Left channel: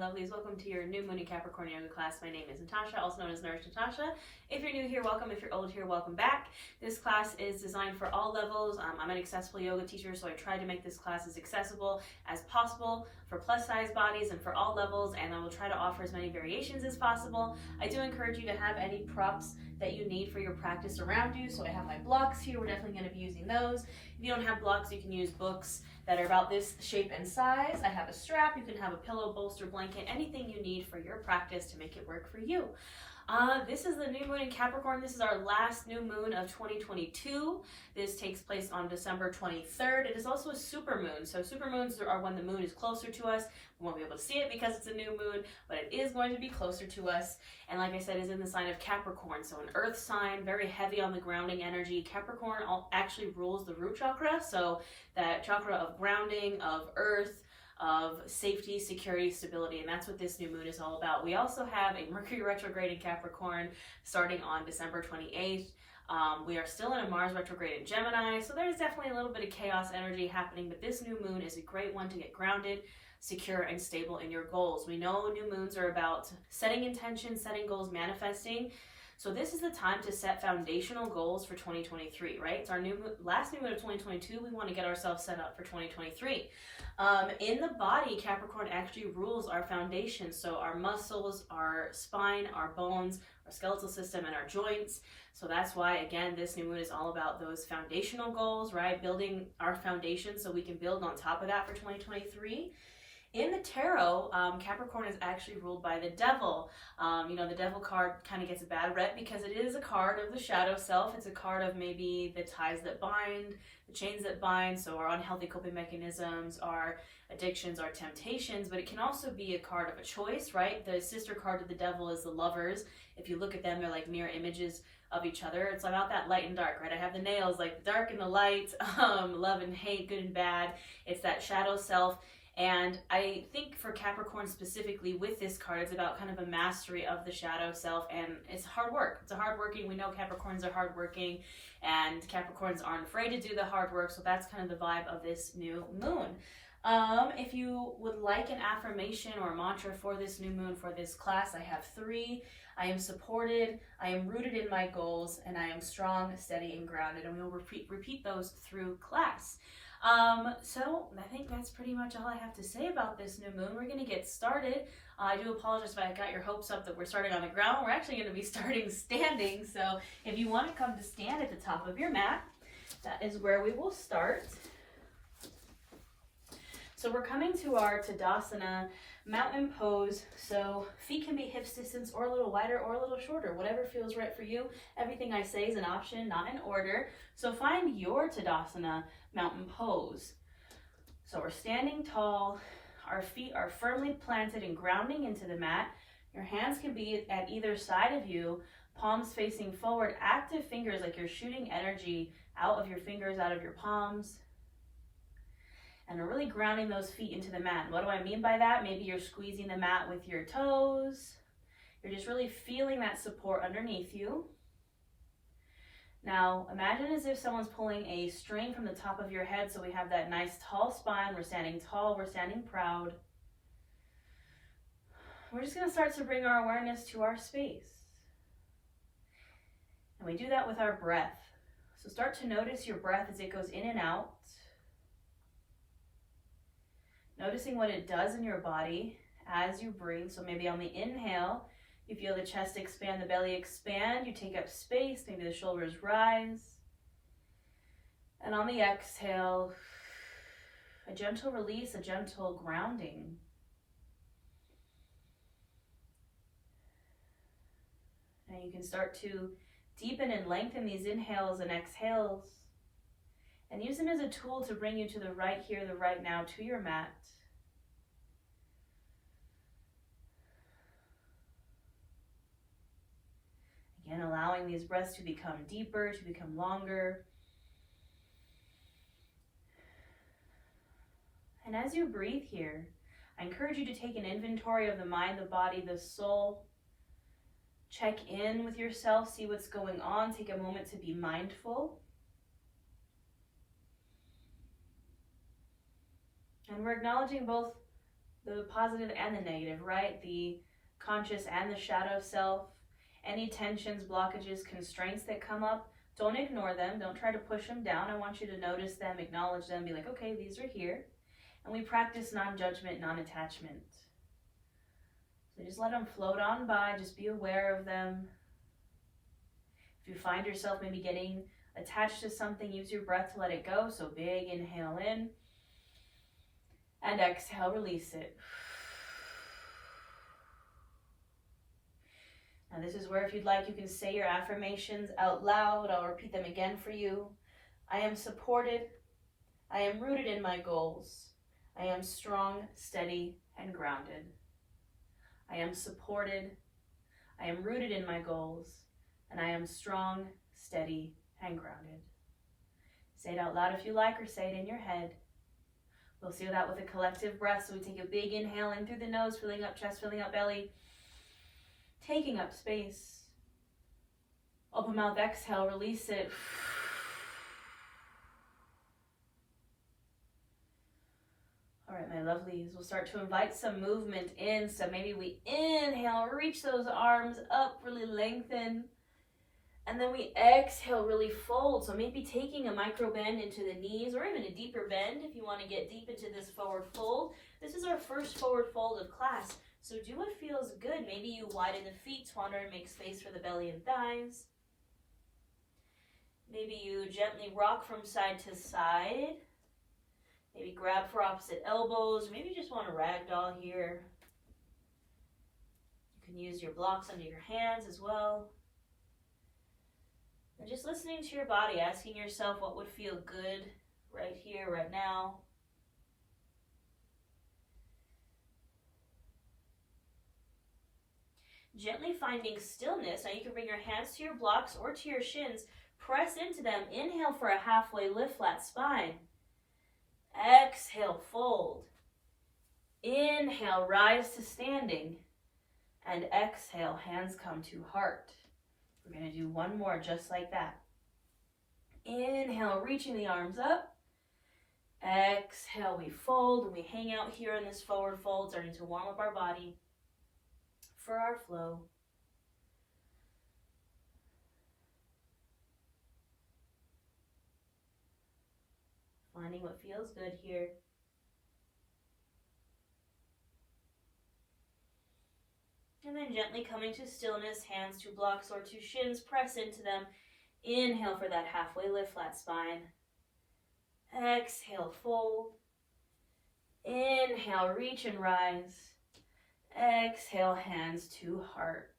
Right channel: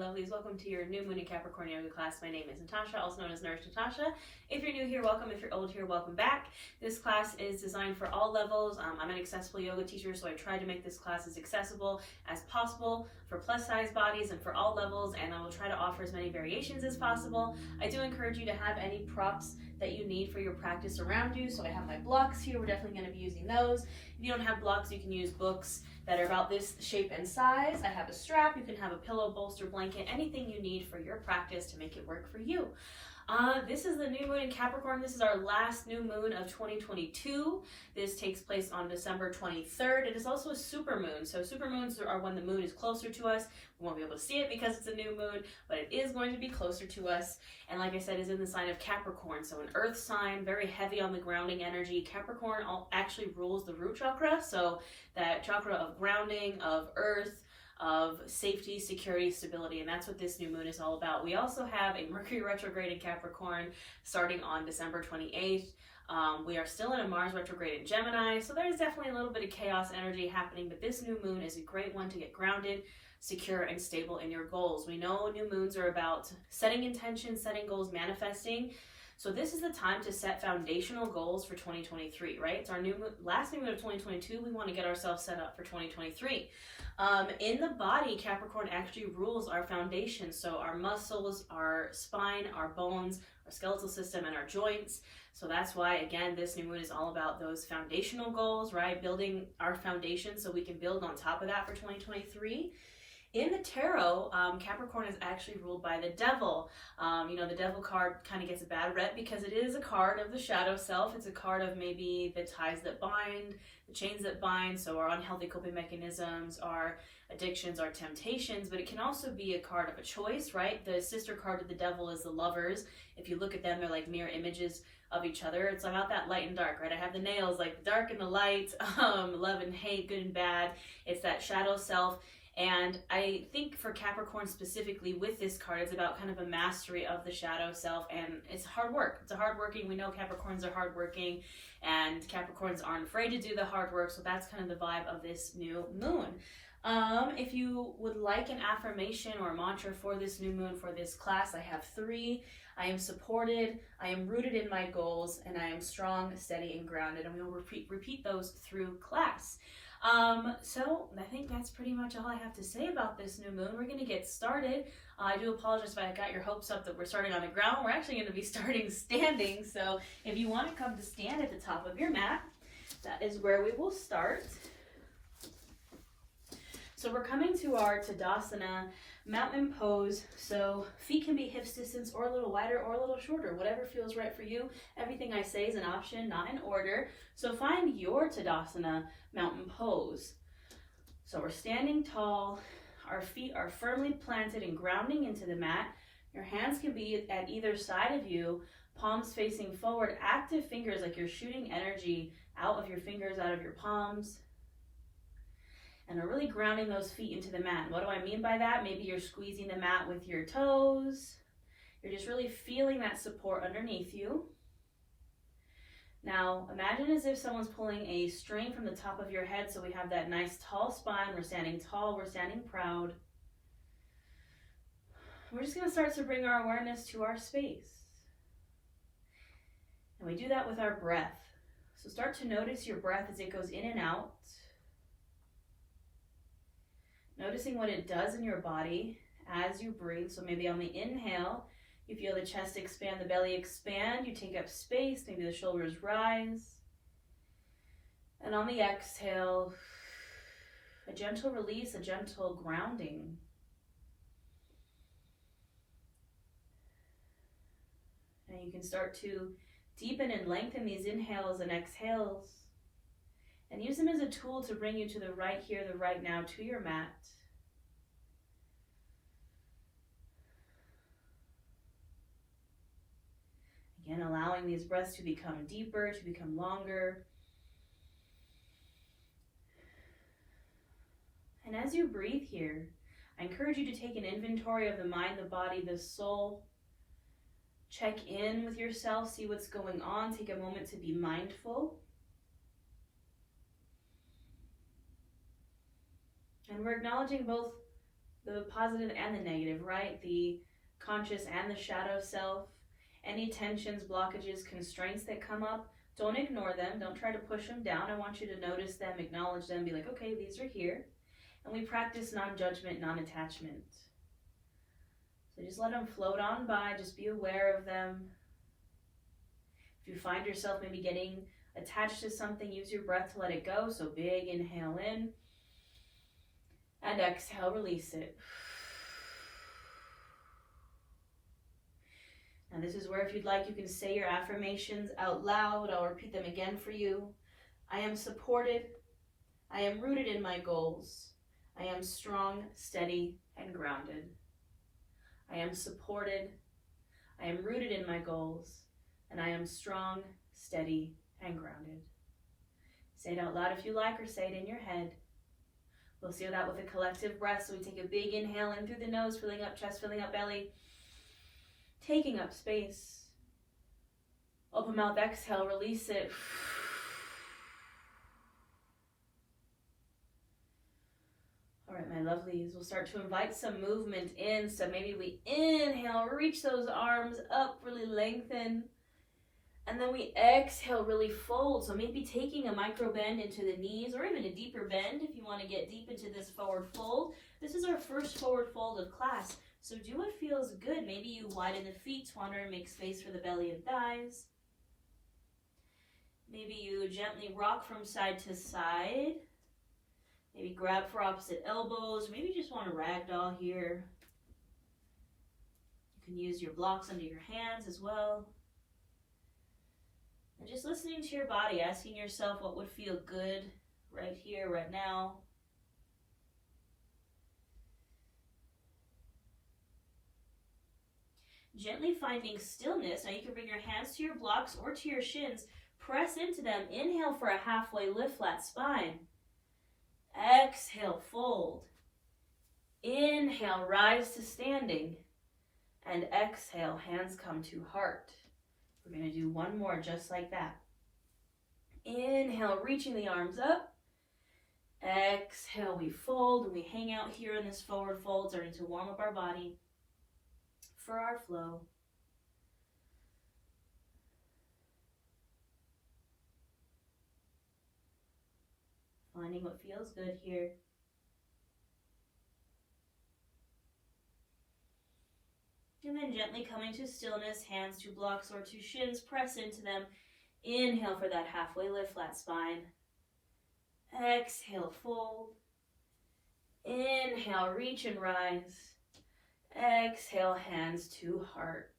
lovelies. Welcome to your new moon in Capricorn yoga class. My name is Natasha, also known as Nurse Natasha. If you're new here, welcome. If you're old here, welcome back. This class is designed for all levels. I'm an accessible yoga teacher, so I try to make this class as accessible as possible for plus size bodies and for all levels, and I will try to offer as many variations as possible. I do encourage you to have any props that you need for your practice around you. So I have my blocks here. We're definitely going to be using those. If you don't have blocks, you can use books that are about this shape and size. I have a strap. You can have a pillow, bolster, blanket, anything you need for your practice to make it work for you. This is the new moon in Capricorn. This is our last new moon of 2022. This takes place on December 23rd. It is also a super moon. So super moons are when the moon is closer to us. We won't be able to see it because it's a new moon, but it is going to be closer to us. And like I said, is in the sign of Capricorn. So an earth sign, very heavy on the grounding energy. Capricorn actually rules the root chakra. So that chakra of grounding, of earth, of safety, security, stability, and that's what this new moon is all about. We also have a Mercury retrograde in Capricorn starting on December 28th. We are still in a Mars retrograde in Gemini, so there's definitely a little bit of chaos energy happening, but this new moon is a great one to get grounded, secure, and stable in your goals. We know new moons are about setting intentions, setting goals, manifesting. So this is the time to set foundational goals for 2023, right? It's our last new moon of 2022. We want to get ourselves set up for 2023. In the body, Capricorn actually rules our foundation. So our muscles, our spine, our bones, our skeletal system, and our joints. So that's why, again, this new moon is all about those foundational goals, right? Building our foundation so we can build on top of that for 2023. In the tarot, Capricorn is actually ruled by the devil. The devil card kind of gets a bad rep because it is a card of the shadow self. It's a card of maybe the ties that bind, the chains that bind, so our unhealthy coping mechanisms, our addictions, our temptations, but it can also be a card of a choice, right? The sister card of the devil is the lovers. If you look at them, they're like mirror images of each other. It's about that light and dark, right? I have the nails, like the dark and the light, love and hate, good and bad. It's that shadow self. And I think for Capricorn specifically with this card, it's about kind of a mastery of the shadow self, and it's hard work. It's a hardworking, we know Capricorns are hardworking, and Capricorns aren't afraid to do the hard work, so that's kind of the vibe of this new moon. If you would like an affirmation or mantra for this new moon, for this class, I have 3. I am supported, I am rooted in my goals, and I am strong, steady, and grounded, and we will repeat those through class. So I think that's pretty much all I have to say about this new moon. We're going to get started. I do apologize if I got your hopes up that we're starting on the ground. We're actually going to be starting standing. So if you want to come to stand at the top of your mat, that is where we will start. So we're coming to our Tadasana mountain pose. So feet can be hips distance or a little wider or a little shorter, whatever feels right for you. Everything I say is an option, not an order. So find your Tadasana mountain pose. So we're standing tall. Our feet are firmly planted and grounding into the mat. Your hands can be at either side of you, palms facing forward, active fingers like you're shooting energy out of your fingers, out of your palms. And we're really grounding those feet into the mat. And what do I mean by that? Maybe you're squeezing the mat with your toes. You're just really feeling that support underneath you. Now, imagine as if someone's pulling a string from the top of your head, so we have that nice tall spine. We're standing tall, we're standing proud. We're just going to start to bring our awareness to our space. And we do that with our breath. So start to notice your breath as it goes in and out. Noticing what it does in your body as you breathe. So maybe on the inhale, you feel the chest expand, the belly expand, you take up space, maybe the shoulders rise. And on the exhale, a gentle release, a gentle grounding. And you can start to deepen and lengthen these inhales and exhales, and use them as a tool to bring you to the right here, the right now, to your mat. Again, allowing these breaths to become deeper, to become longer. And as you breathe here, I encourage you to take an inventory of the mind, the body, the soul. Check in with yourself, see what's going on. Take a moment to be mindful. And we're acknowledging both the positive and the negative, right? The conscious and the shadow self. Any tensions, blockages, constraints that come up, don't ignore them. Don't try to push them down. I want you to notice them, acknowledge them, be like, okay, these are here. And we practice non-judgment, non-attachment. So just let them float on by. Just be aware of them. If you find yourself maybe getting attached to something, use your breath to let it go. So big inhale in. And exhale, release it. And this is where, if you'd like, you can say your affirmations out loud. I'll repeat them again for you. I am supported. I am rooted in my goals. I am strong, steady, and grounded. I am supported. I am rooted in my goals. And I am strong, steady, and grounded. Say it out loud if you like, or say it in your head. We'll seal that with a collective breath. So we take a big inhale in through the nose, filling up chest, filling up belly. Taking up space. Open mouth, exhale, release it. All right, my lovelies, we'll start to invite some movement in. So maybe we inhale, reach those arms up, really lengthen. And then we exhale, really fold. So maybe taking a micro bend into the knees, or even a deeper bend if you want to get deep into this forward fold. This is our first forward fold of class. So do what feels good. Maybe you widen the feet, wander and make space for the belly and thighs. Maybe you gently rock from side to side. Maybe grab for opposite elbows. Maybe you just want to ragdoll here. You can use your blocks under your hands as well. And just listening to your body, asking yourself what would feel good right here, right now. Gently finding stillness. Now you can bring your hands to your blocks or to your shins. Press into them. Inhale for a halfway lift, flat spine. Exhale, fold. Inhale, rise to standing. And exhale, hands come to heart. We're going to do one more just like that. Inhale, reaching the arms up. Exhale, we fold and we hang out here in this forward fold, starting to warm up our body for our flow. Finding what feels good here. And then gently coming to stillness, hands to blocks or to shins, press into them. Inhale for that halfway lift, flat spine. Exhale, fold. Inhale, reach and rise. Exhale, hands to heart.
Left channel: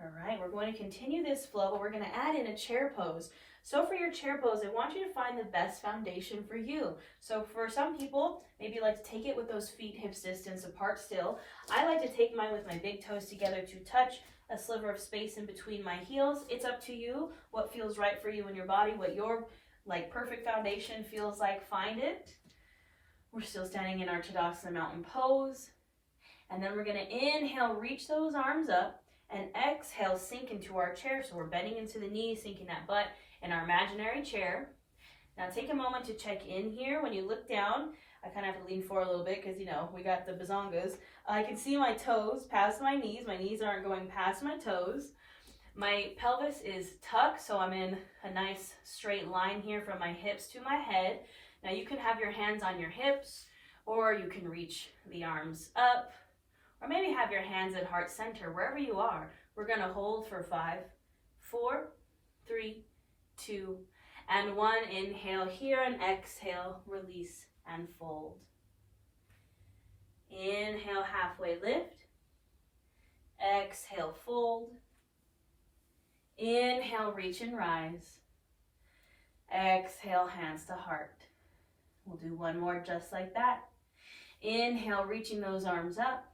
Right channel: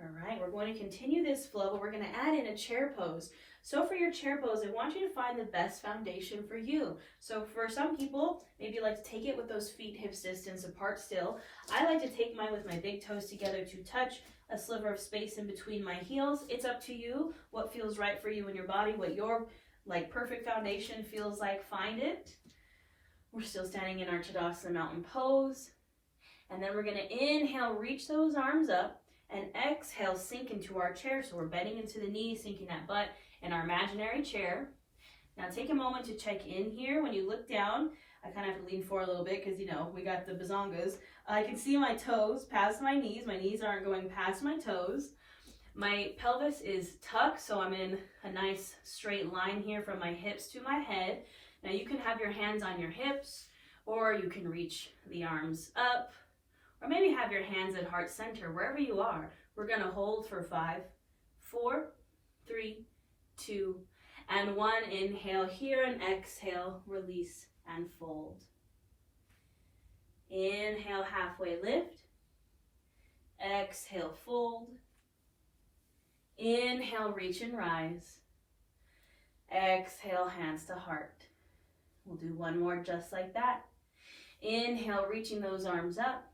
All right, we're going to continue this flow, but we're going to add in a chair pose. So for your chair pose, I want you to find the best foundation for you. So for some people, maybe you like to take it with those feet hips distance apart still. I like to take mine with my big toes together to touch a sliver of space in between my heels. It's up to you what feels right for you and your body, what your perfect foundation feels like. Find it. We're still standing in our Tadasana mountain pose. And then we're going to inhale, reach those arms up, and exhale, sink into our chair. So we're bending into the knees, sinking that butt in our imaginary chair. Now take a moment to check in here. When you look down, I kind of have to lean forward a little bit because, we got the bazongas. I can see my toes past my knees. My knees aren't going past my toes. My pelvis is tucked, so I'm in a nice straight line here from my hips to my head. Now you can have your hands on your hips, or you can reach the arms up, or maybe have your hands at heart center, wherever you are. We're going to hold for 5, 4, 3, 2, and 1. Inhale here and exhale, release and fold. Inhale, halfway lift. Exhale, fold. Inhale, reach and rise. Exhale, hands to heart. We'll do one more just like that. Inhale, reaching those arms up.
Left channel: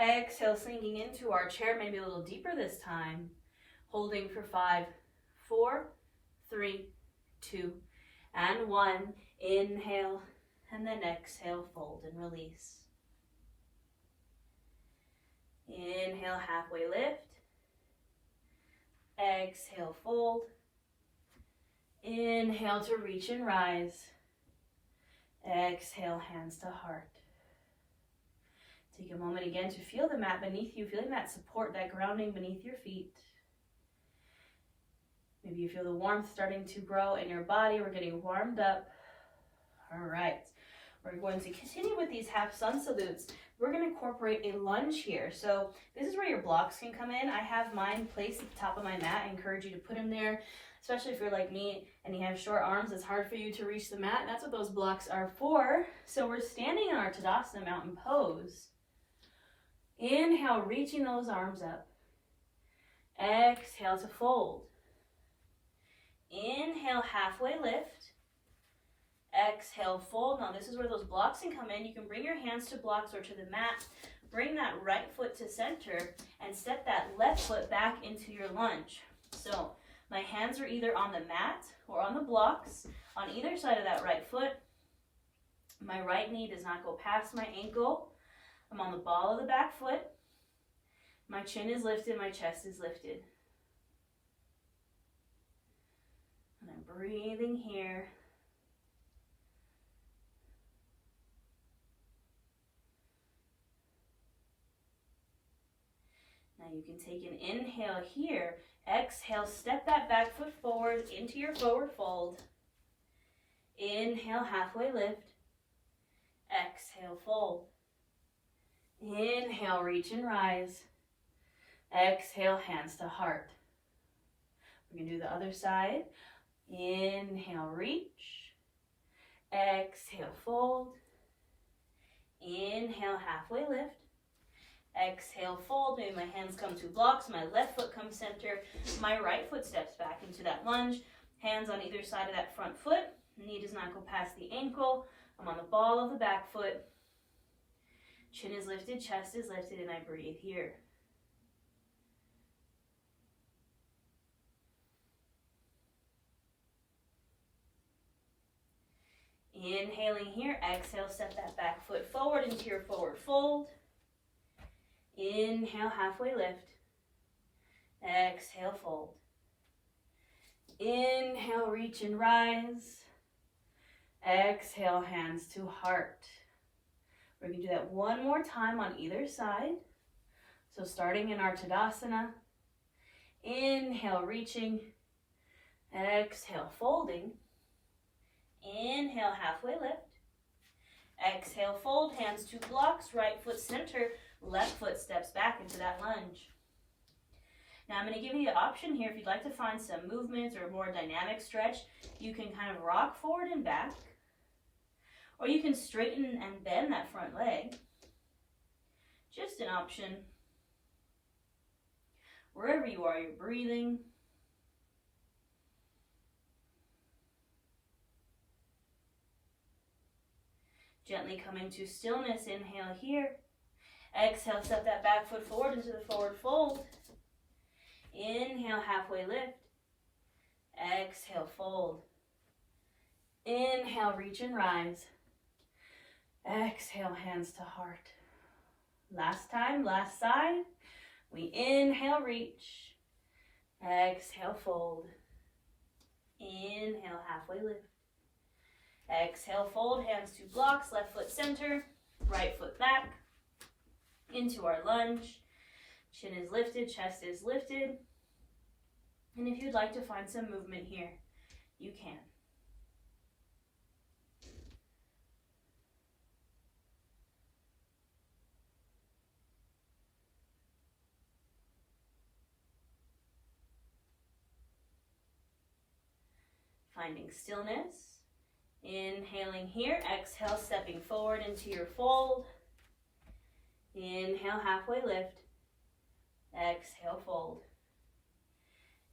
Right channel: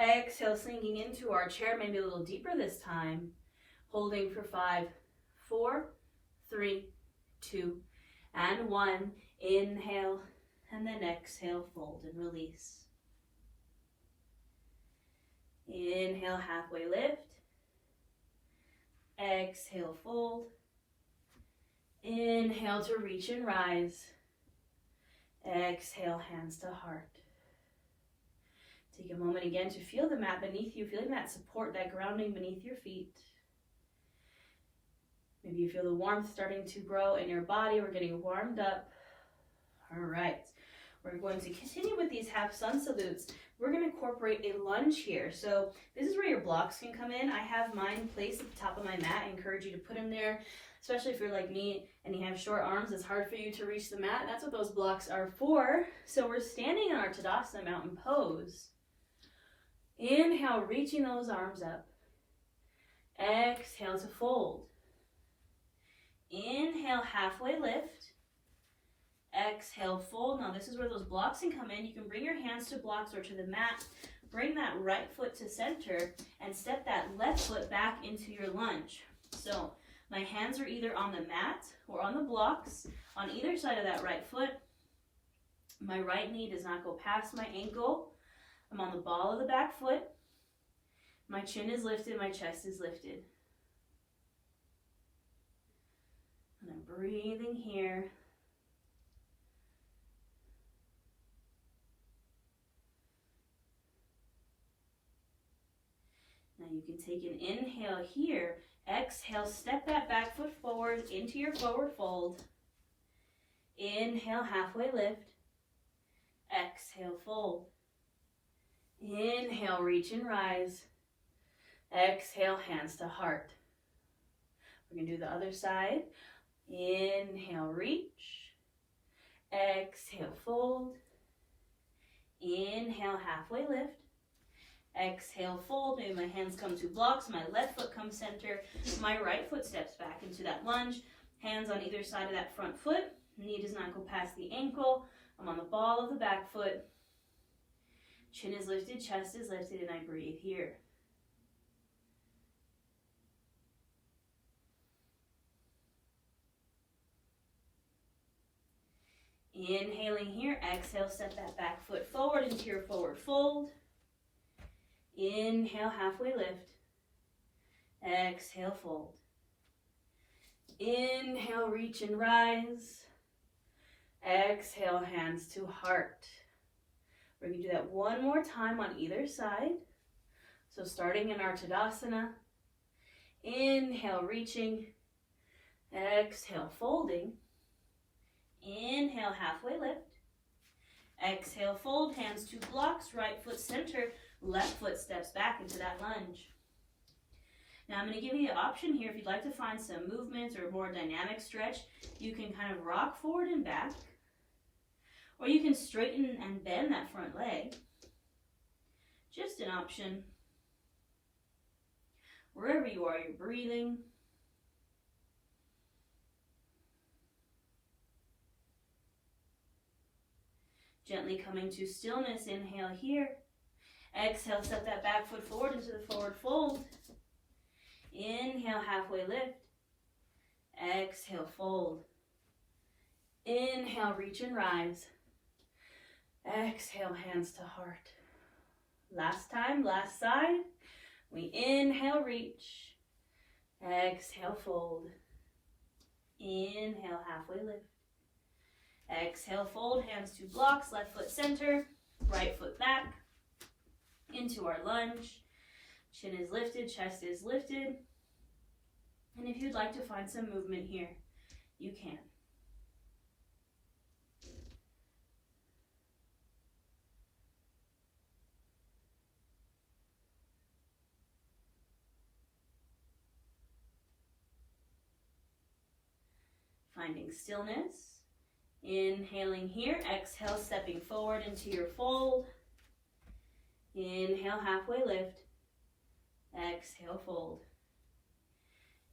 Exhale, sinking into our chair, maybe a little deeper this time. Holding for 5, 4, 3, 2, and 1. Inhale, and then exhale, fold and release. Inhale, halfway lift. Exhale, fold. Inhale to reach and rise. Exhale, hands to heart. a moment again to feel the mat beneath you, feeling that support, that grounding beneath your feet. Maybe you feel the warmth starting to grow in your body. We're getting warmed up. All right. We're going to continue with these half sun salutes. We're going to incorporate a lunge here. So this is where your blocks can come in. I have mine placed at the top of my mat. I encourage you to put them there, especially if you're like me and you have short arms. It's hard for you to reach the mat. That's what those blocks are for. So we're standing in our Tadasana mountain pose. Inhale, reaching those arms up. Exhale to fold. Inhale, halfway lift. Exhale, fold. Now this is where those blocks can come in. You can bring your hands to blocks or to the mat. Bring that right foot to center and step that left foot back into your lunge. So my hands are either on the mat or on the blocks on either side of that right foot. My right knee does not go past my ankle. I'm on the ball of the back foot. My chin is lifted, my chest is lifted. And I'm breathing here. Now you can take an inhale here. Exhale, step that back foot forward into your forward fold. Inhale, halfway lift. Exhale, fold. Inhale, reach and rise. Exhale, hands to heart. We're going to do the other side. Inhale, reach. Exhale, fold. Inhale, halfway lift. Exhale, fold. Maybe my hands come to blocks. My left foot comes center. My right foot steps back into that lunge. Hands on either side of that front foot. Knee does not go past the ankle. I'm on the ball of the back foot. Chin is lifted, chest is lifted, and I breathe here. Inhaling here, exhale, step that back foot forward into your forward fold. Inhale, halfway lift. Exhale, fold. Inhale, reach and rise. Exhale, hands to heart. We're going to do that one more time on either side. So starting in our Tadasana. Inhale, reaching. Exhale, folding. Inhale, halfway lift. Exhale, fold, hands to blocks, right foot center, left foot steps back into that lunge. Now I'm going to give you an option here if you'd like to find some movements or more dynamic stretch. You can kind of rock forward and back, or you can straighten and bend that front leg. Just an option. Wherever you are, you're breathing. Gently coming to stillness, inhale here. Exhale, step that back foot forward into the forward fold. Inhale, halfway lift. Exhale, fold. Inhale, reach and rise. Exhale, hands to heart. Last time, last side. We inhale, reach. Exhale, fold. Inhale, halfway lift. Exhale, fold, hands to blocks, left foot center, right foot back, into our lunge. Chin is lifted, chest is lifted. And if you'd like to find some movement here, you can. Finding stillness. Inhaling here, exhale, stepping forward into your fold. Inhale, halfway lift. Exhale, fold.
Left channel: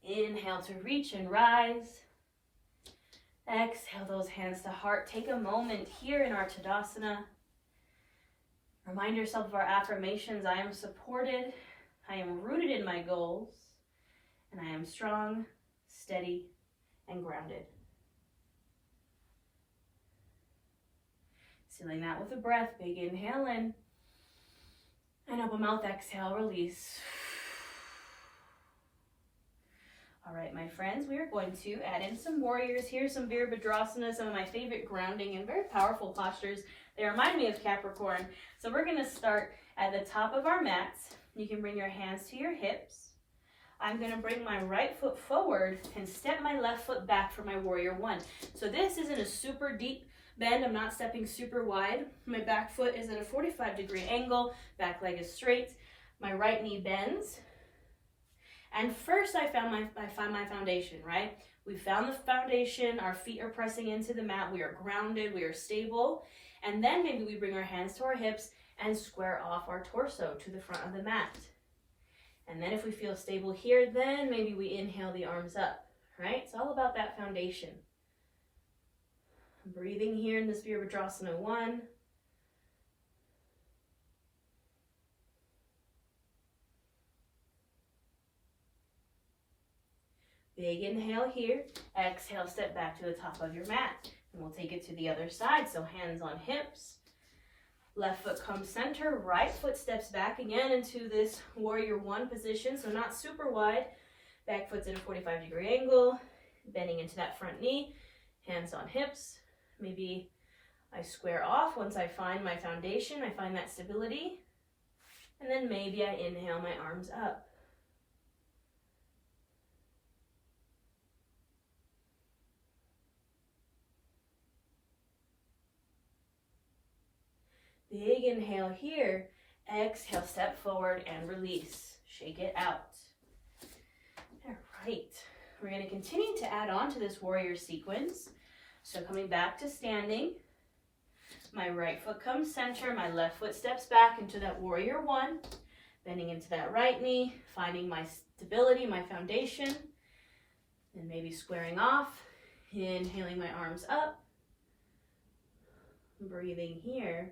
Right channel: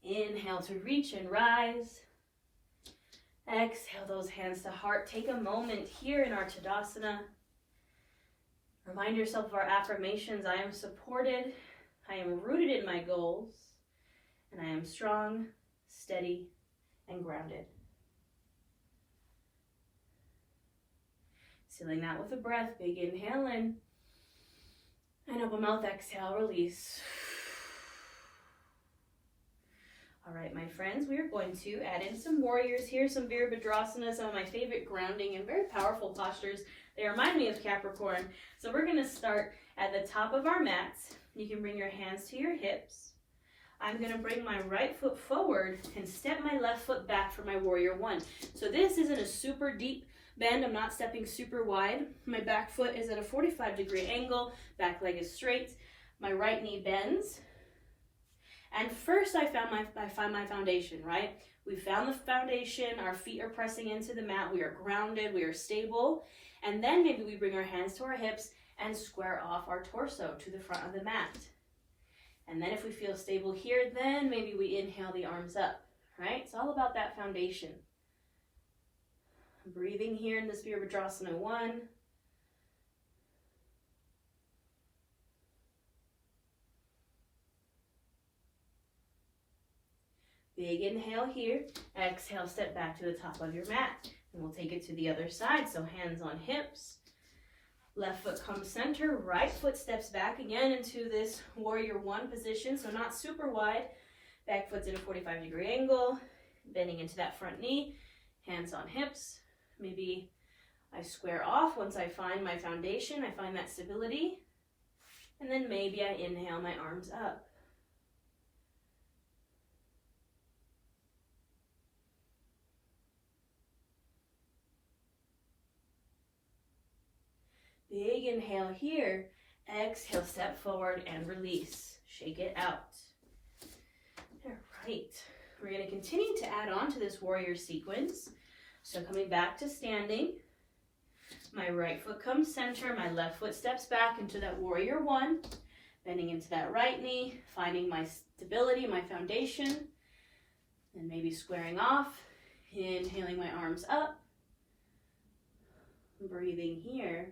Inhale to reach and rise. Exhale those hands to heart. Take a moment here in our Tadasana. Remind yourself of our affirmations. I am supported. I am rooted in my goals. And I am strong, steady, and grounded. Sealing that with a breath. Big inhale in. And open mouth, exhale, release. All right, my friends, we are going to add in some warriors here, some Virabhadrasana, some of my favorite grounding and very powerful postures They remind me of Capricorn. So we're gonna start at the top of our mats. You can bring your hands to your hips. I'm gonna bring my right foot forward and step my left foot back for my warrior one. So this isn't a super deep bend. I'm not stepping super wide. My back foot is at a 45-degree angle. Back leg is straight. My right knee bends. And first I find my foundation, right? We found the foundation. Our feet are pressing into the mat. We are grounded. We are stable. And then maybe we bring our hands to our hips and square off our torso to the front of the mat. And then if we feel stable here, then maybe we inhale the arms up, right? It's all about that foundation. Breathing here in this Virabhadrasana 1. Big inhale here. Exhale, step back to the top of your mat. And we'll take it to the other side. So hands on hips. Left foot comes center. Right foot steps back again into this warrior one position. So not super wide. Back foot's at a 45-degree angle. Bending into that front knee. Hands on hips. Maybe I square off once I find my foundation. I find that stability. And then maybe I inhale my arms up. Big inhale here. Exhale, step forward and release. Shake it out. All right. We're going to continue to add on to this warrior sequence. So coming back to standing. My right foot comes center. My left foot steps back into that warrior one. Bending into that right knee. Finding my stability, my foundation. And maybe squaring off. Inhaling my arms up. Breathing here.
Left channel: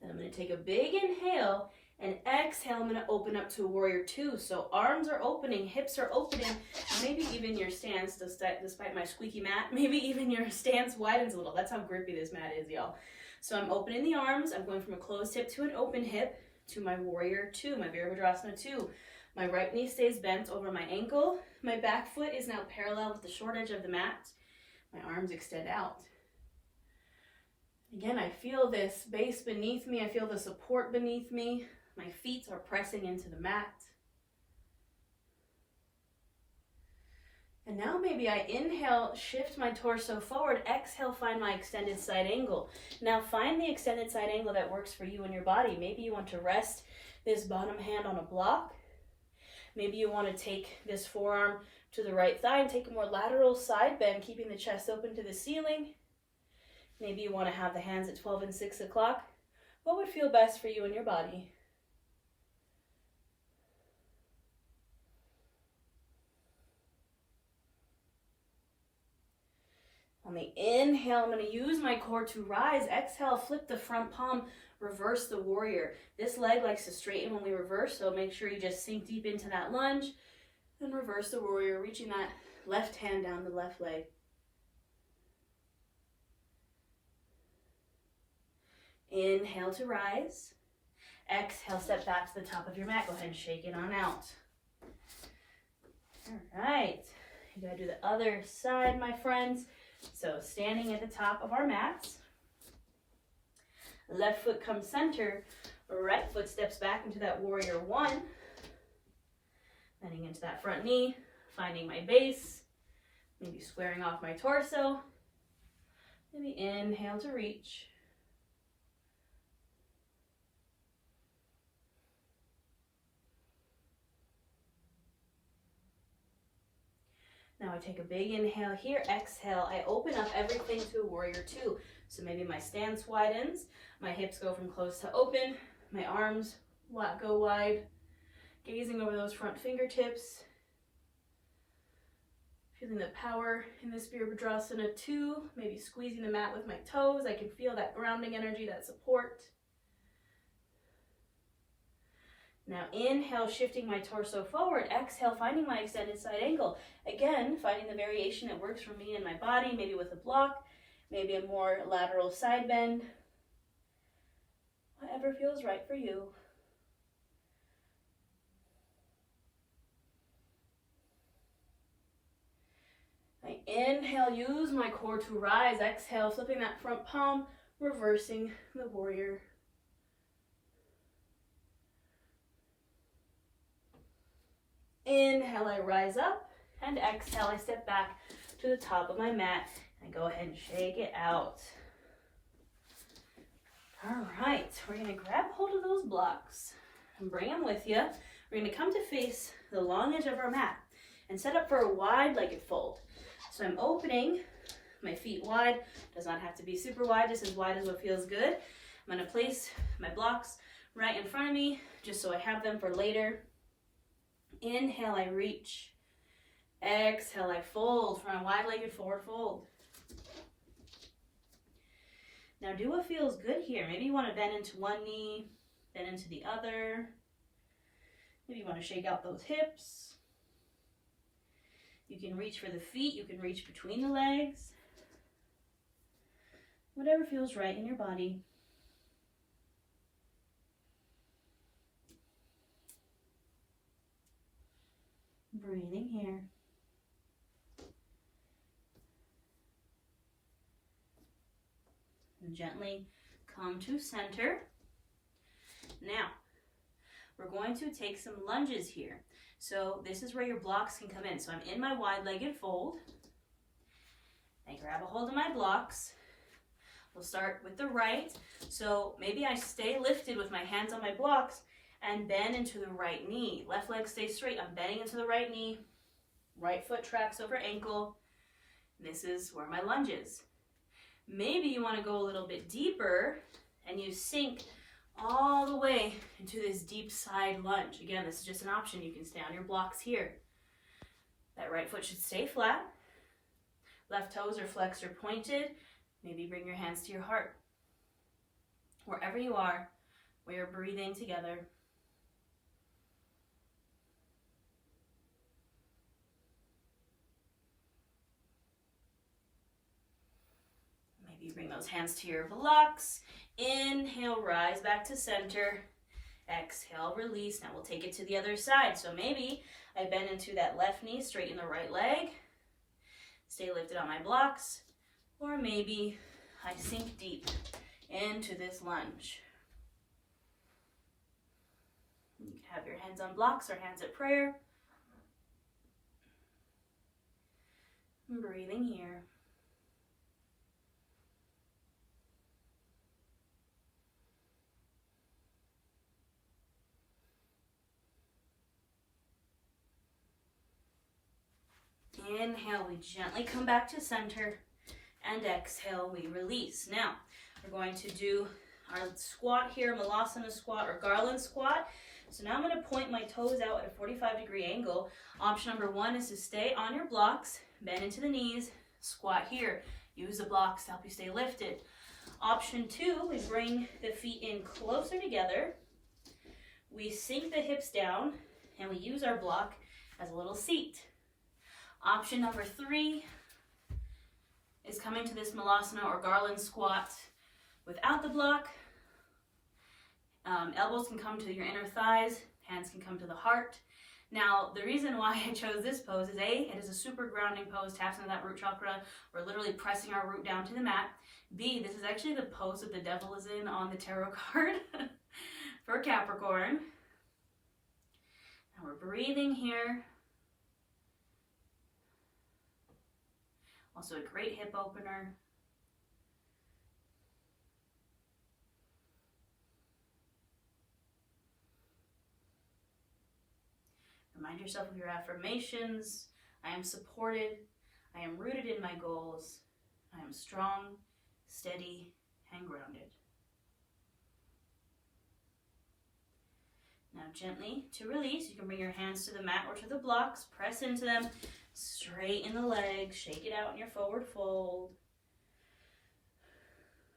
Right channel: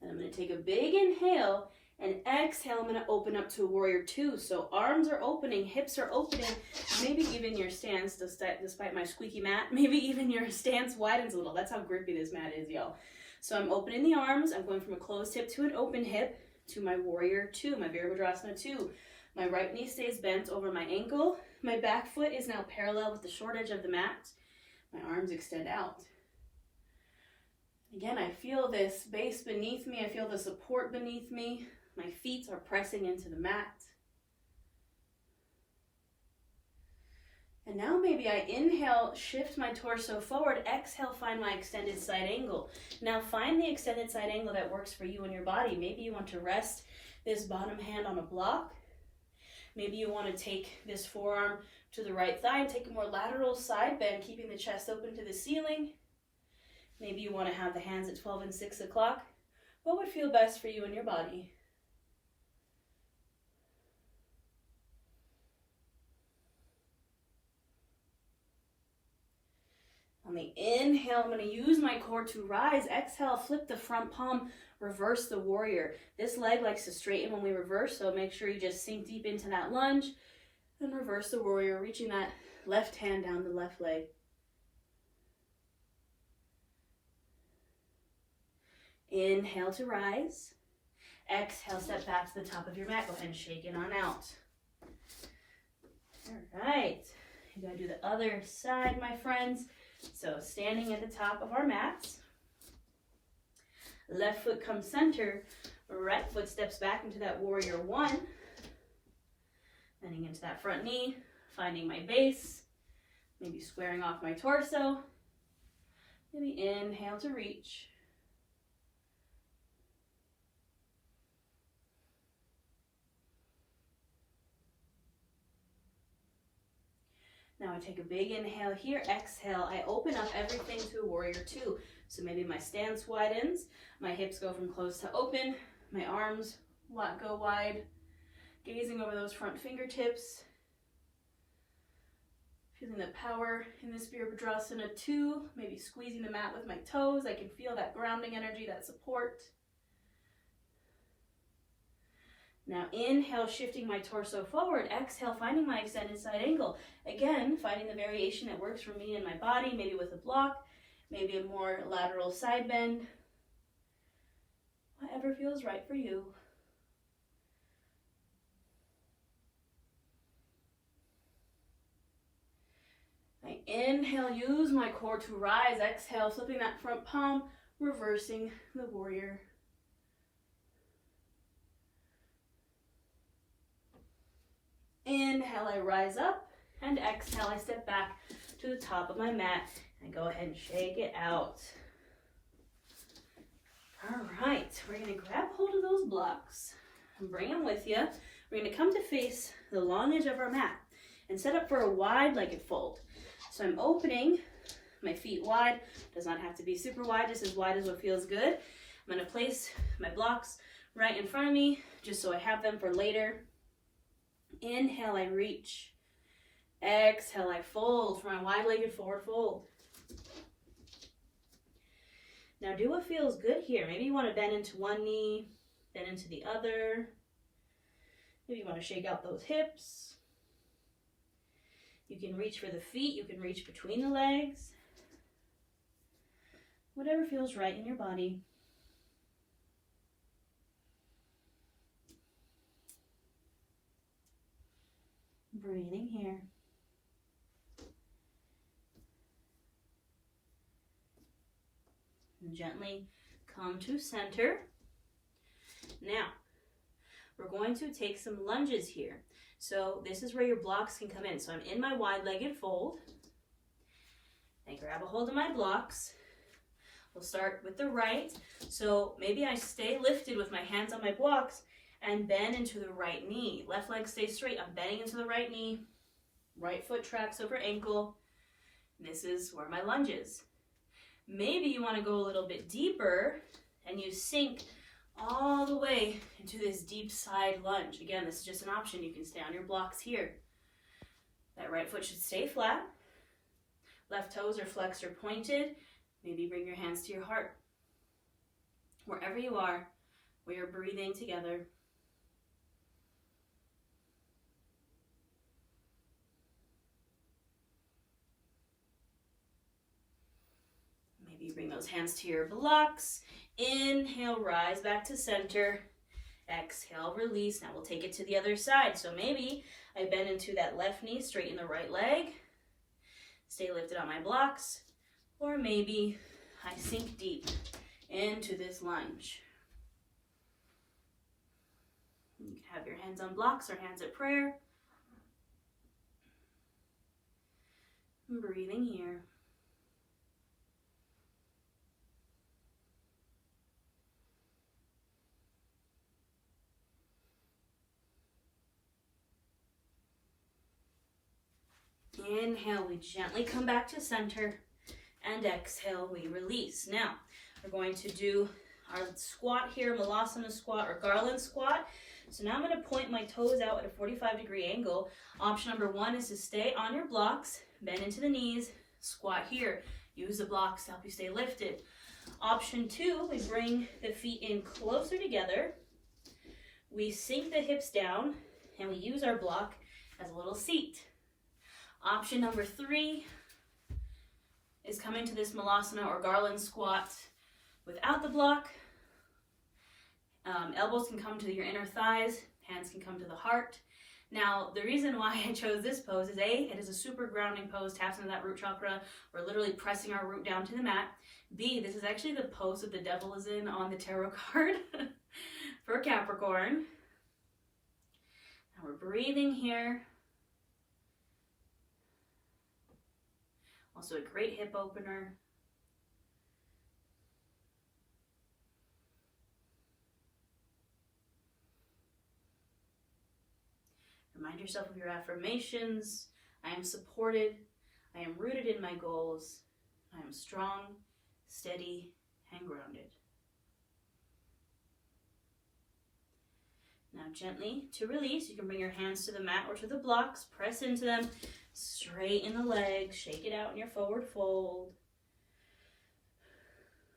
And I'm going to take a big inhale and exhale. I'm going to open up to warrior two. So arms are opening, hips are opening, maybe even your stance, despite my squeaky mat, maybe even your stance widens a little. That's how grippy this mat is, y'all. So I'm opening the arms. I'm going from a closed hip to an open hip to my warrior two, my Virabhadrasana 2. My right knee stays bent over my ankle. My back foot is now parallel with the short edge of the mat. My arms extend out. Again, I feel this base beneath me. I feel the support beneath me. My feet are pressing into the mat. And now maybe I inhale, shift my torso forward. Exhale, find my extended side angle. Now find the extended side angle that works for you and your body. Maybe you want to rest this bottom hand on a block. Maybe you want to take this forearm to the right thigh and take a more lateral side bend, keeping the chest open to the ceiling. Maybe you want to have the hands at 12 and 6 o'clock. What would feel best for you and your body? On the inhale, I'm going to use my core to rise. Exhale, flip the front palm, reverse the warrior. This leg likes to straighten when we reverse, so make sure you just sink deep into that lunge and reverse the warrior, reaching that left hand down the left leg. Inhale to rise. Exhale, step back to the top of your mat. Go ahead and shake it on out. All right. You gotta do the other side, my friends. So standing at the top of our mats. Left foot comes center. Right foot steps back into that warrior one. Bending into that front knee. Finding my base. Maybe squaring off my torso. Maybe inhale to reach. Now I take a big inhale here, exhale. I open up everything to a warrior two. So maybe my stance widens, my hips go from closed to open, my arms go wide, gazing over those front fingertips. Feeling the power in this Virabhadrasana 2, maybe squeezing the mat with my toes. I can feel that grounding energy, that support. Now inhale, shifting my torso forward. Exhale, finding my extended side angle. Again, finding the variation that works for me and my body, maybe with a block, maybe a more lateral side bend. Whatever feels right for you. Inhale, use my core to rise. Exhale, flipping that front palm, reversing the warrior. Inhale, I rise up, and exhale, I step back to the top of my mat and go ahead and shake it out. All right, we're gonna grab hold of those blocks and bring them with you. We're gonna come to face the long edge of our mat and set up for a wide-legged fold. So I'm opening my feet wide, does not have to be super wide, just as wide as what feels good. I'm gonna place my blocks right in front of me, just so I have them for later. Inhale, I reach. Exhale, I fold for my wide-legged forward fold. Now do what feels good here. Maybe you want to bend into one knee, then into the other. Maybe you want to shake out those hips. You can reach for the feet. You can reach between the legs. Whatever feels right in your body. Breathing here. And gently come to center. Now, we're going to take some lunges here. So this is where your blocks can come in. So I'm in my wide-legged fold. I grab a hold of my blocks. We'll start with the right. So maybe I stay lifted with my hands on my blocks and bend into the right knee. Left leg stays straight. I'm bending into the right knee. Right foot tracks over ankle. This is where my lunge is. Maybe you want to go a little bit deeper and you sink all the way into this deep side lunge. Again, this is just an option. You can stay on your blocks here. That right foot should stay flat. Left toes are flexed or pointed. Maybe bring your hands to your heart. Wherever you are, we are breathing together. Maybe bring those hands to your blocks. Inhale, rise back to center. Exhale, release. Now we'll take it to the other side. So maybe I bend into that left knee, straighten the right leg. Stay lifted on my blocks. Or maybe I sink deep into this lunge. You can have your hands on blocks or hands at prayer. Breathing here. Inhale, we gently come back to center, and exhale, we release. Now, we're going to do our squat here, Malasana squat or garland squat. So now I'm going to point my toes out at a 45-degree angle. Option number one is to stay on your blocks, bend into the knees, squat here. Use the blocks to help you stay lifted. Option two, we bring the feet in closer together. We sink the hips down, and we use our block as a little seat. Option number three is coming to this Malasana or garland squat without the block. Elbows can come to your inner thighs, hands can come to the heart. Now, the reason why I chose this pose is A, it is a super grounding pose, taps into that root chakra. We're literally pressing our root down to the mat. B, this is actually the pose that the devil is in on the tarot card for Capricorn. Now we're breathing here. Also a great hip opener. Remind yourself of your affirmations. I am supported. I am rooted in my goals. I am strong, steady, and grounded. Now gently, to release, you can bring your hands to the mat or to the blocks. Press into them. Straighten the legs, shake it out in your forward fold.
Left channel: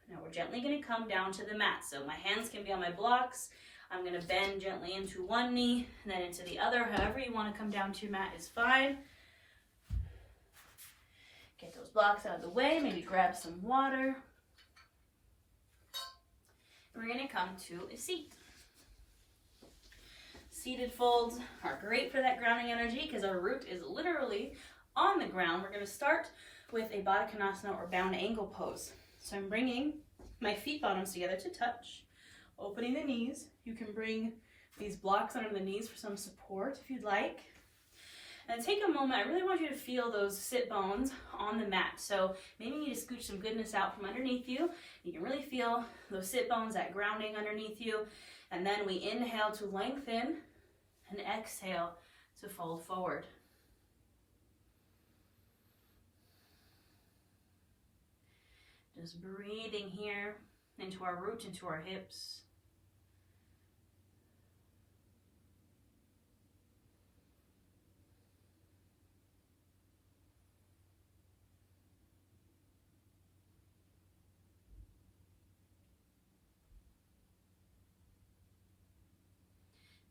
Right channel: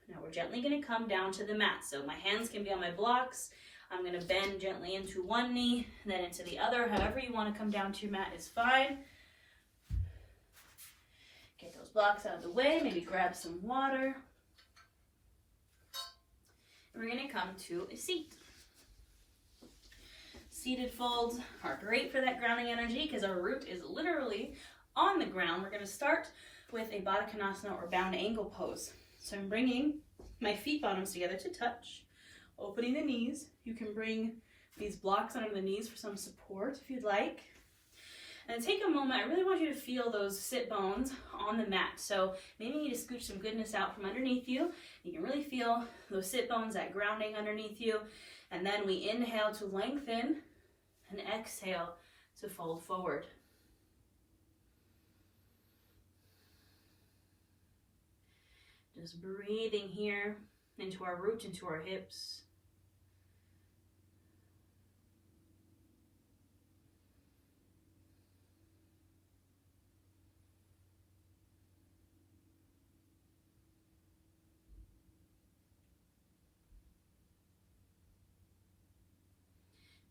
Now we're gently going to come down to the mat. So my hands can be on my blocks. I'm going to bend gently into one knee, then into the other. However you want to come down to your mat is fine. Get those blocks out of the way. Maybe grab some water. And we're going to come to a seat. Seated folds are great for that grounding energy because our root is literally on the ground, we're going to start with a Baddha Konasana or bound ankle pose. So I'm bringing my feet bottoms together to touch, opening the knees. You can bring these blocks under the knees for some support if you'd like. And take a moment, I really want you to feel those sit bones on the mat. So maybe you need to scooch some goodness out from underneath you. You can really feel those sit bones, that grounding underneath you. And then we inhale to lengthen and exhale to fold forward. Just breathing here into our root, into our hips.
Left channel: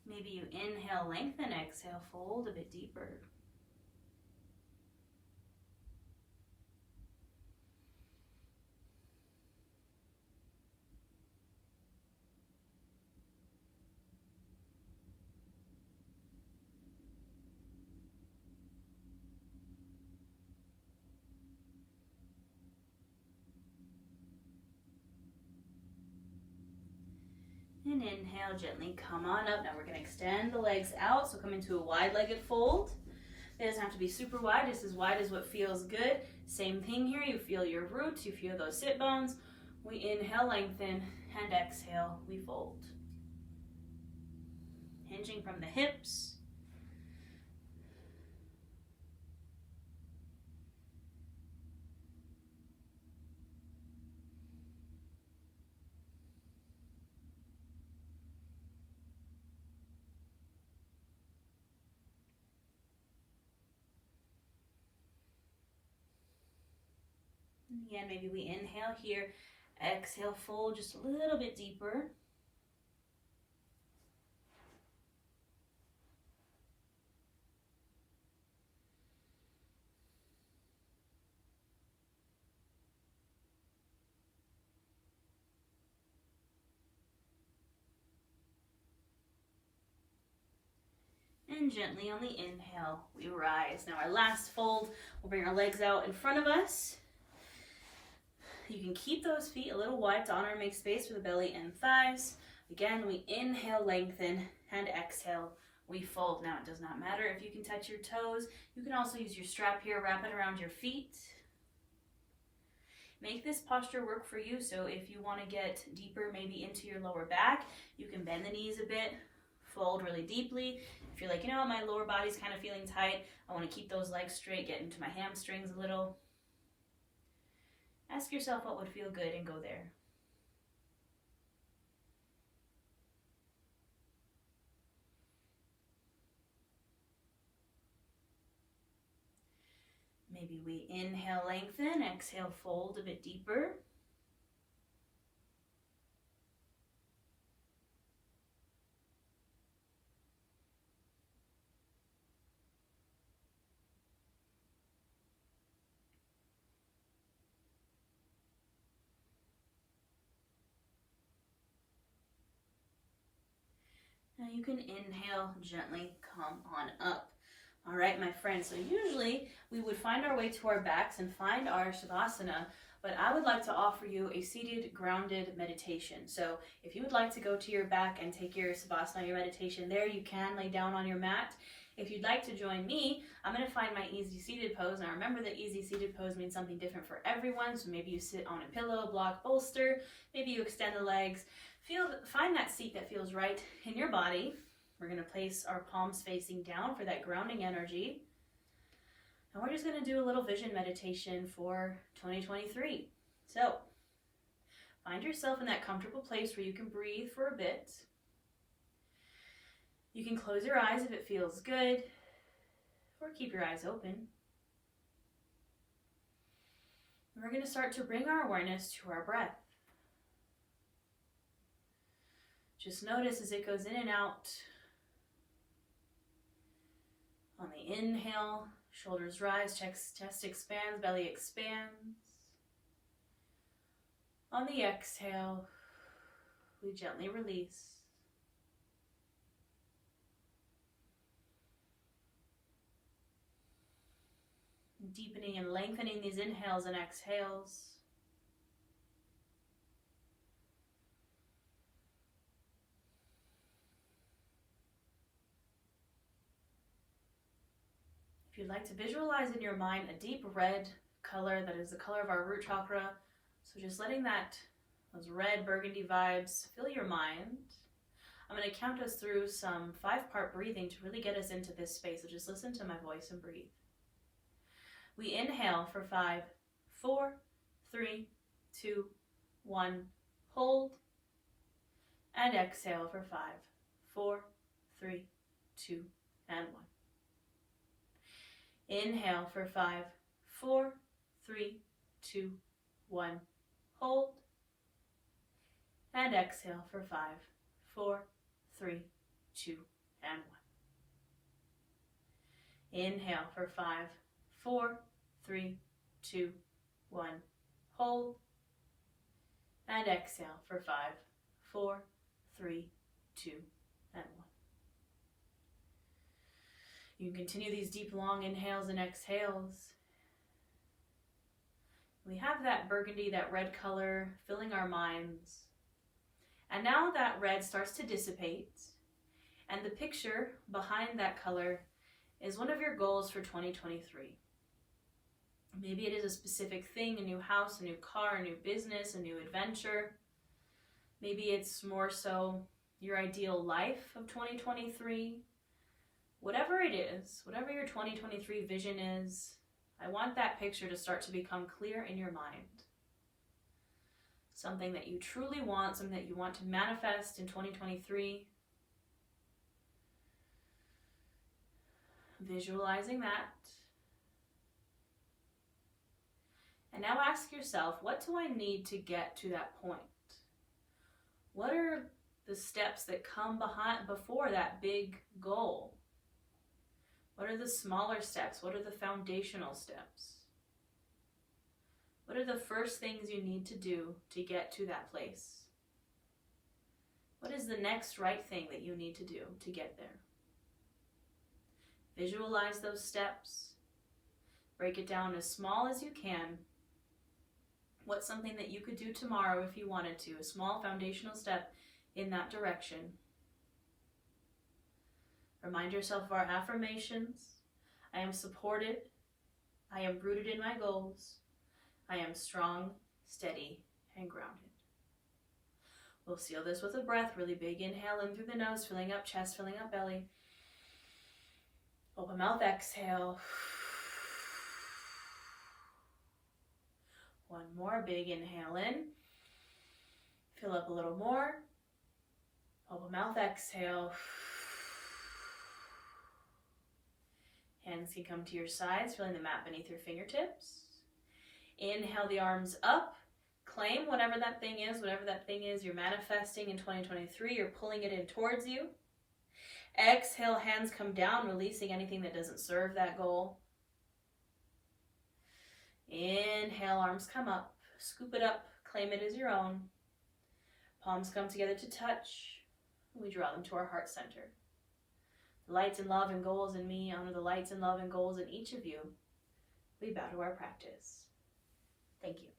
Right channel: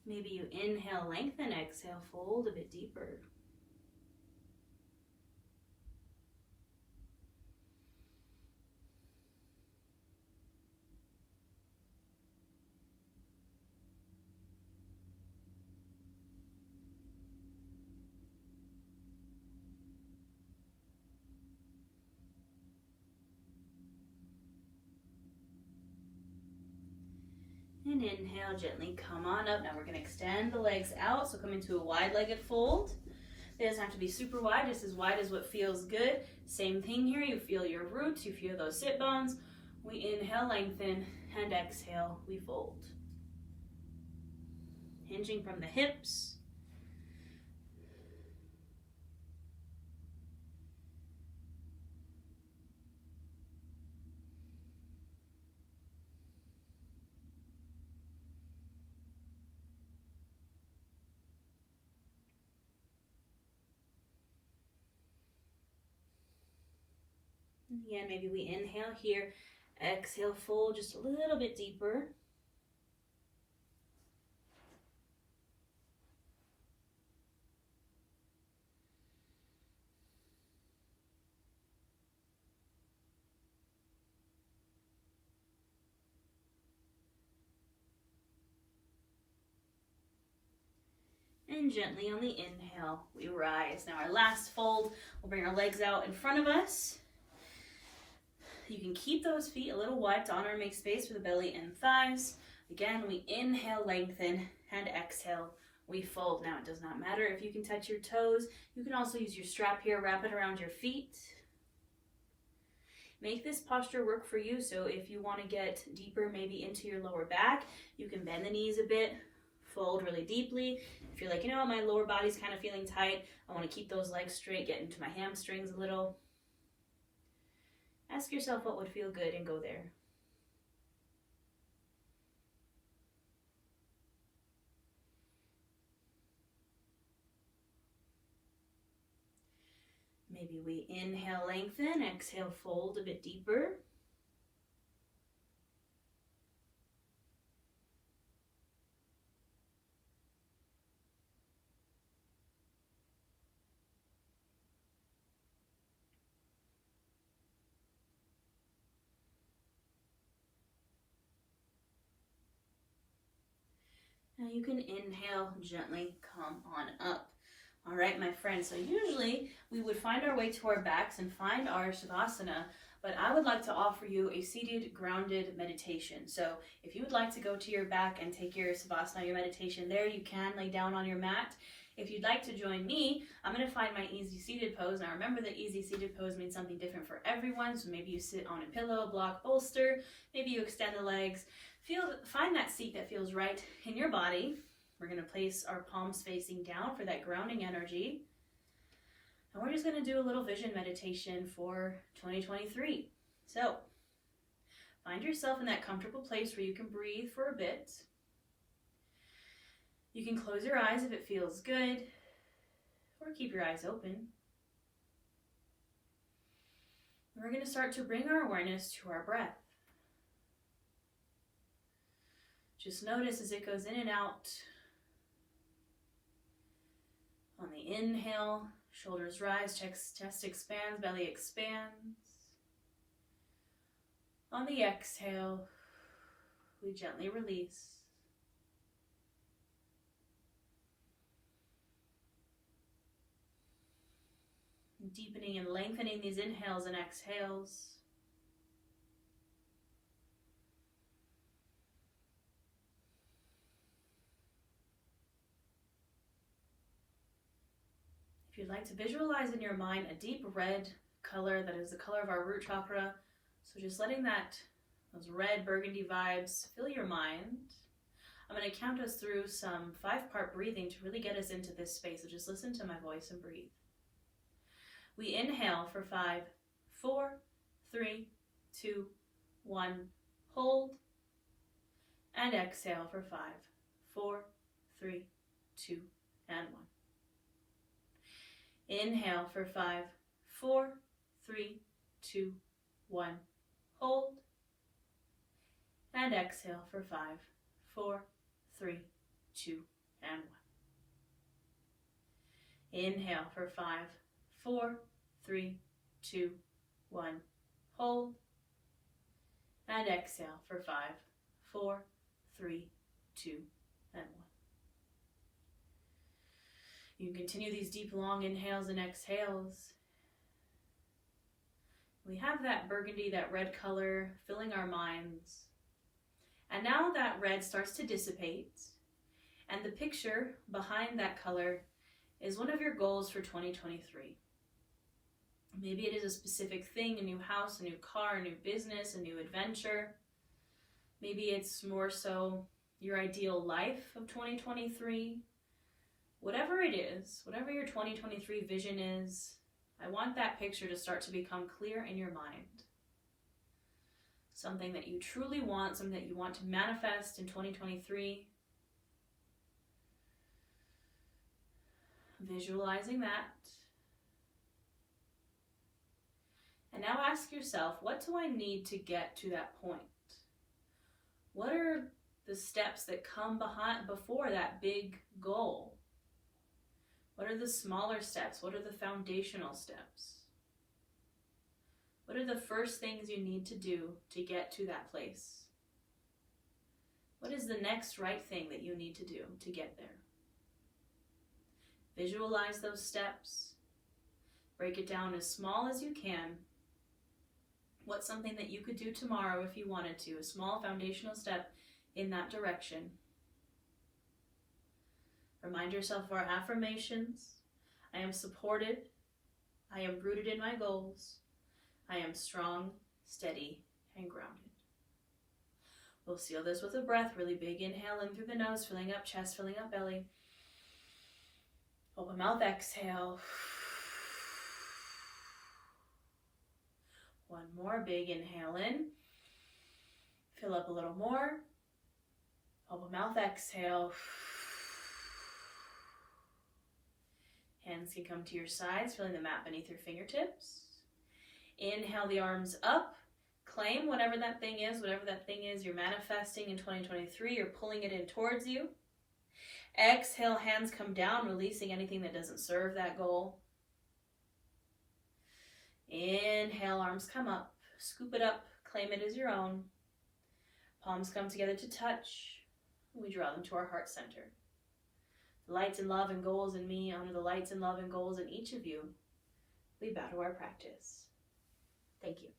Maybe you inhale, lengthen, exhale, fold a bit deeper. And inhale, gently come on up. Now we're going to extend the legs out, so come into a wide-legged fold. It doesn't have to be super wide, just as wide as what feels good. Same thing here, you feel your roots, you feel those sit bones. We inhale, lengthen, and exhale, we fold. Hinging from the hips. Again, maybe we inhale here, exhale, fold just a little bit deeper. And gently on the inhale, we rise. Now our last fold, we'll bring our legs out in front of us. You can keep those feet a little wide to honor and make space for the belly and thighs. Again, we inhale, lengthen, and exhale, we fold. Now, it does not matter if you can touch your toes. You can also use your strap here, wrap it around your feet. Make this posture work for you. So if you want to get deeper, maybe into your lower back, you can bend the knees a bit, fold really deeply. If you're like, you know what, my lower body's kind of feeling tight, I want to keep those legs straight, get into my hamstrings a little. Ask yourself what would feel good and go there. Maybe we inhale, lengthen, exhale, fold a bit deeper. Now you can inhale, gently come on up. All right, my friends, so usually we would find our way to our backs and find our Tadasana, but I would like to offer you a seated, grounded meditation. So if you would like to go to your back and take your Savasana, your meditation there, you can lay down on your mat. If you'd like to join me, I'm going to find my easy seated pose. Now remember that easy seated pose means something different for everyone. So maybe you sit on a pillow, block, bolster. Maybe you extend the legs. Find that seat that feels right in your body. We're going to place our palms facing down for that grounding energy. And we're just going to do a little vision meditation for 2023. So find yourself in that comfortable place where you can breathe for a bit. You can close your eyes if it feels good, or keep your eyes open. We're going to start to bring our awareness to our breath. Just notice as it goes in and out. On the inhale, shoulders rise, chest expands, belly expands. On the exhale, we gently release. Deepening and lengthening these inhales and exhales. If you'd like to visualize in your mind a deep red color that is the color of our root chakra, so just letting those red burgundy vibes fill your mind. I'm going to count us through some 5-part breathing to really get us into this space. So just listen to my voice and breathe. We inhale for 5, 4, 3, 2, 1. Hold. And exhale for 5, 4, 3, 2, and 1. Inhale for 5, 4, 3, 2, 1. Hold. And exhale for 5, 4, 3, 2, and 1. Inhale for 5, 4, 3, 2, 1. Hold. And exhale for 5, 4, 3, 2, and 1. You can continue these deep, long inhales and exhales. We have that burgundy, that red color filling our minds. And now that red starts to dissipate, and the picture behind that color is one of your goals for 2023. Maybe it is a specific thing, a new house, a new car, a new business, a new adventure. Maybe it's more so your ideal life of 2023. Whatever it is, whatever your 2023 vision is, I want that picture to start to become clear in your mind. Something that you truly want, something that you want to manifest in 2023. Visualizing that. And now ask yourself, what do I need to get to that point? What are the steps that come before that big goal? What are the smaller steps? What are the foundational steps? What are the first things you need to do to get to that place? What is the next right thing that you need to do to get there? Visualize those steps. Break it down as small as you can. What's something that you could do tomorrow if you wanted to? A small foundational step in that direction. Remind yourself of our affirmations. I am supported. I am rooted in my goals. I am strong, steady, and grounded. We'll seal this with a breath. Really big inhale in through the nose, filling up chest, filling up belly. Open mouth, exhale. One more big inhale in. Fill up a little more. Open mouth, exhale. Hands can come to your sides, feeling the mat beneath your fingertips. Inhale the arms up. Claim whatever that thing is you're manifesting in 2023. You're pulling it in towards you. Exhale, hands come down, releasing anything that doesn't serve that goal. Inhale, arms come up. Scoop it up. Claim it as your own. Palms come together to touch. We draw them to our heart center. Lights and love and goals in me honor the lights and love and goals in each of you. We bow to our practice. Thank you.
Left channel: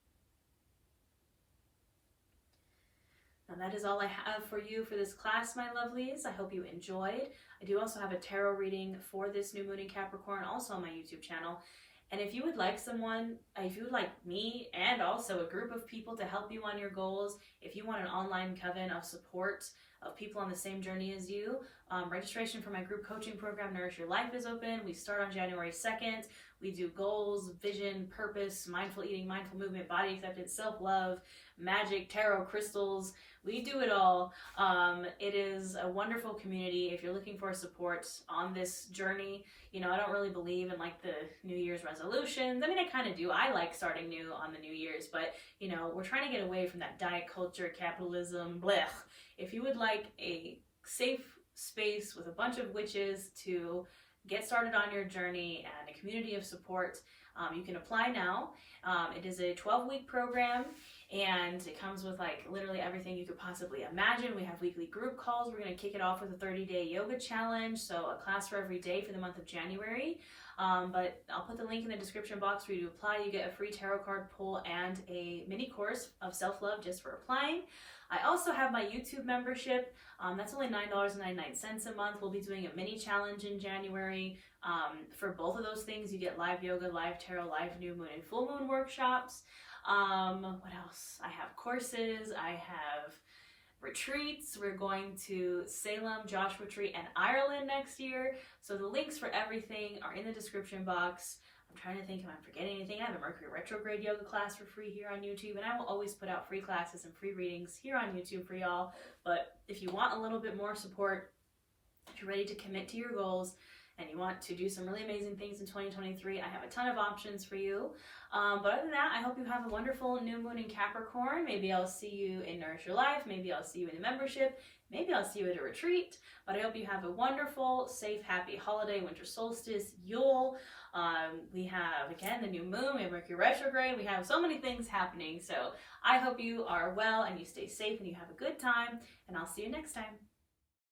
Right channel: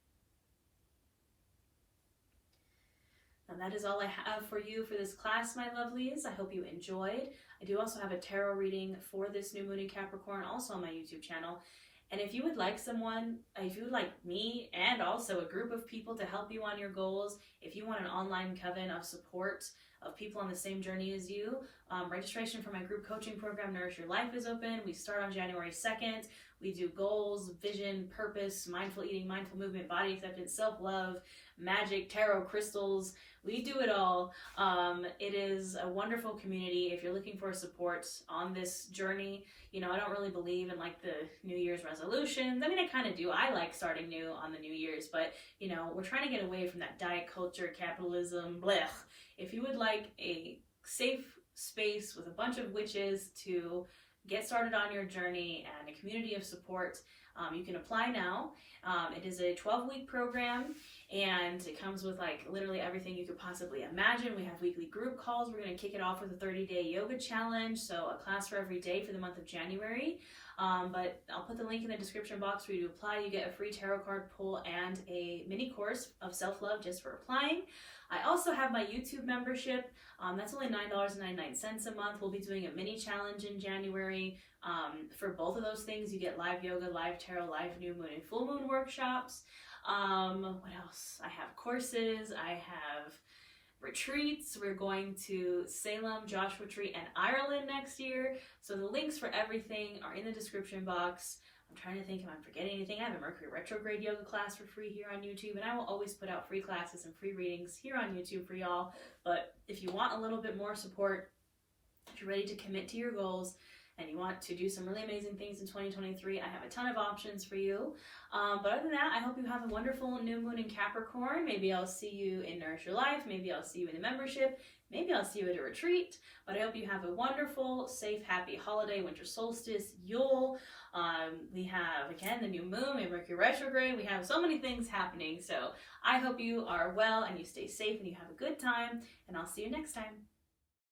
Now that is all I have for you for this class, my lovelies. I hope you enjoyed. I do also have a tarot reading for this new moon in Capricorn, also on my YouTube channel. And if you would like me and also a group of people to help you on your goals, if you want an online coven of support of people on the same journey as you, registration for my group coaching program, Nourish Your Life, is open. We start on January 2nd. We do goals, vision, purpose, mindful eating, mindful movement, body acceptance, self-love, magic, tarot, crystals. We do it all. It is a wonderful community if you're looking for support on this journey. You know, I don't really believe in like the New Year's resolutions. I mean, I kind of do. I like starting new on the New Year's, but you know, we're trying to get away from that diet culture, capitalism, blech. If you would like a safe space with a bunch of witches to get started on your journey and a community of support, you can apply now. It is a 12-week program, and it comes with like literally everything you could possibly imagine. We have weekly group calls. We're going to kick it off with a 30-day yoga challenge, so a class for every day for the month of January. But I'll put the link in the description box for you to apply. You get a free tarot card pull and a mini course of self-love just for applying. I also have my YouTube membership. That's only $9.99 a month. We'll be doing a mini challenge in January. For both of those things, you get live yoga, live tarot, live new moon and full moon workshops. What else? I have courses. I have retreats. We're going to Salem, Joshua Tree, and Ireland next year. So the links for everything are in the description box. I'm trying to think if I'm forgetting anything. I have a Mercury retrograde yoga class for free here on YouTube, and I will always put out free classes and free readings here on YouTube for y'all. But if you want a little bit more support, if you're ready to commit to your goals, and you want to do some really amazing things in 2023, I have a ton of options for you. But other than that, I hope you have a wonderful new moon in Capricorn. Maybe I'll see you in Nourish Your Life. Maybe I'll see you in the membership. Maybe I'll see you at a retreat. But I hope you have a wonderful, safe, happy holiday, winter solstice, Yule. We have, again, the new moon, we have Mercury retrograde. We have so many things happening. So I hope you are well and you stay safe and you have a good time. And I'll see you next time.